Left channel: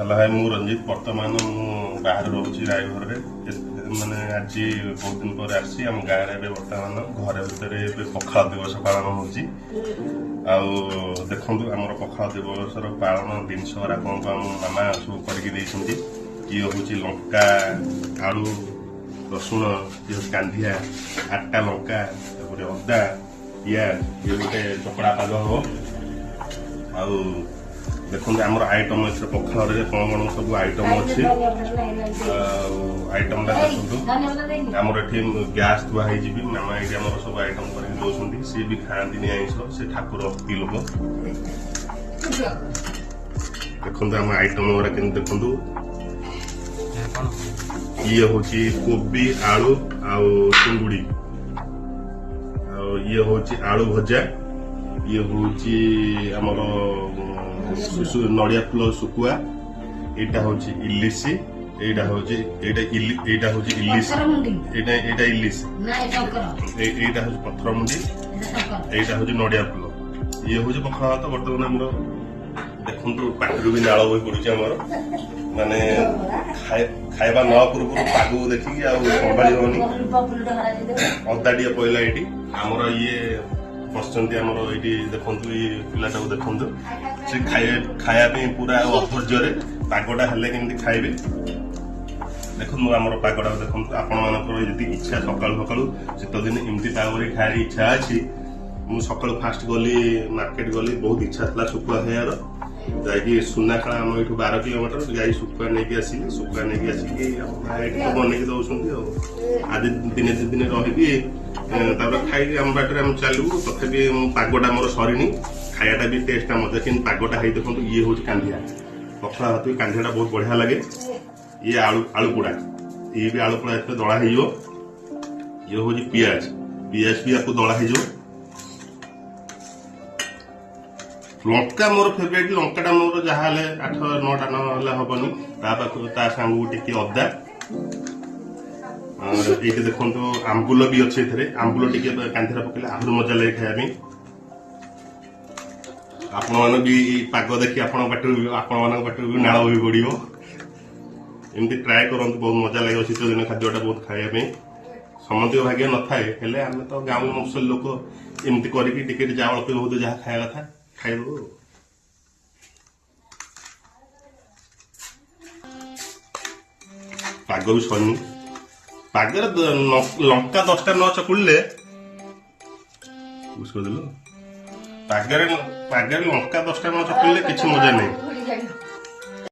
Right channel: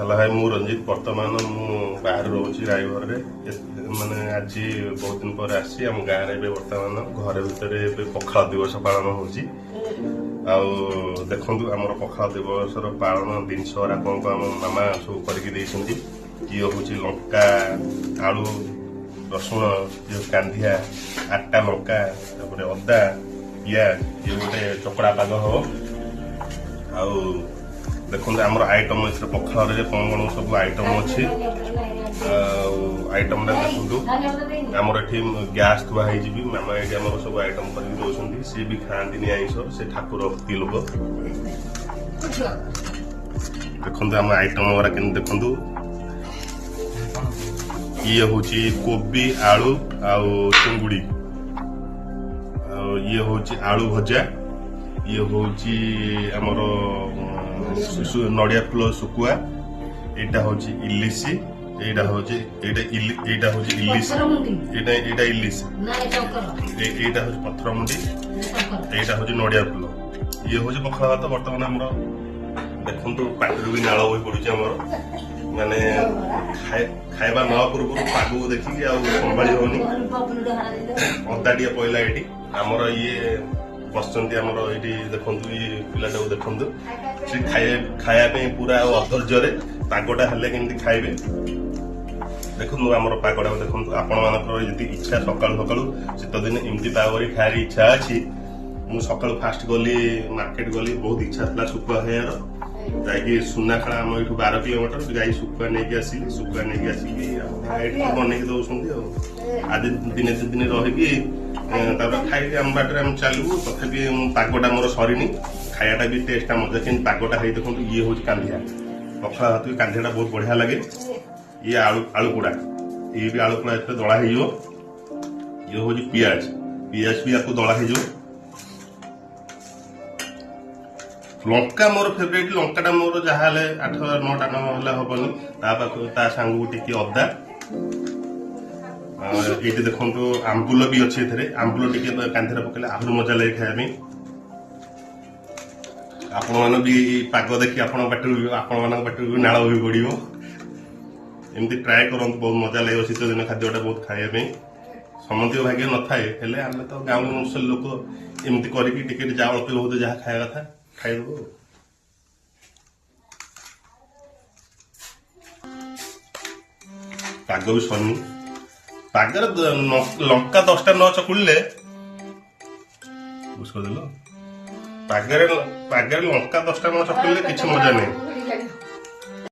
Hello hi मु रंजित बर्तमान मु बाहर रोची रायघर माने आज बहुत दिन पर आसी आम गाँव में बर्तमान घर भर पखाल दिवस पालन होची देखु आम पखाल दिवस पालन जिनस कौन आम मामा सब करके ये हूँ लंका आलू रसुण ये कांधिया 8टा लंका अदा पियाज ये गोटे चकड़ा पाग हम देखो आमर आइटम पखाल कौन कौन सब आइटम अच्छे आइटम देखो आमर ये गैस थुआ भी मामा ये सब आइटम कर सी भी खाती आईस से ठाकुर की लोक देखो आम आइटम गुरा के देखु ये हूँ कोबी आलू चिंगुड़ी ये हूँ आलू भजा ये हूँ आमर नड़िया फुल सुकुआ यहाँ हूँ इलिशी यहाँ हूँ इलिशी यहाँ हूँ पथरमुंडी यहाँ हूँ नड़िया फुल ये हूँ पखाल भात बर्तमान आम देखु पाटिरू भी नाल बही पड़ुଛି आमर माने खाइबा न पूर्व पाग देखिकी संभाली होनी अदा टे पड़ा ये आमर ये बसंती आमर ये देखु पिलाटा देखु खाया पूरा अधर्य पागटा हेल्ले केमती खाइबे देखो आमर पागटा देखो आपण मान इच्छा सकालू सकालू शीत दिन एमती पाग खाई इच्छा अच्छी मुझे सकाल फास्ट गली मार्केट गली बहुत इच्छा था शुखुआ खाइबार जाकि सुनाखाला आम ये 12 किलोमीटर जाई शुखुआ नहीं आसिली शुखुआ नहीं आसिकी बनई दौरान आज दिने दिन रही खाई आम बाटर आम चलू तथापि पागटा मोर सरीनी खायाटा भी टेस्ट मजा कि पागटा है देखो ये हूँ कांधिया पखाल भात कांधियाटा बहुत बढ़िया लगे ये आलू पोड़ा ये भी आलू पोड़ा इतने दला ये हूँ पियाज भी आपको दला लंका मोर फेवरेट लंकाटा मोर जहाँ 8-9टा ना हेनी सांगू टी अदा ये देखो आंबुल भी अच्छे आंबुल टी कांधे पकड़े आहरी मजा लगे खाया आपण मान भी पाग देखी पाटी भी नाल भी पड़ो एमती ट्राए करते बहुत मजा लगे शीत दिन खाद्यटा बहुत खाया समझ भाग्य न थाए आम तो गाँव मुसल लोक एमती करके चावल बहुत जहाँ खाया था खाइबो पाग भी सनी पागर लंका 10टा न चकुड़े पागर लंका 10टा न चकुड़े किसी मजा नहीं।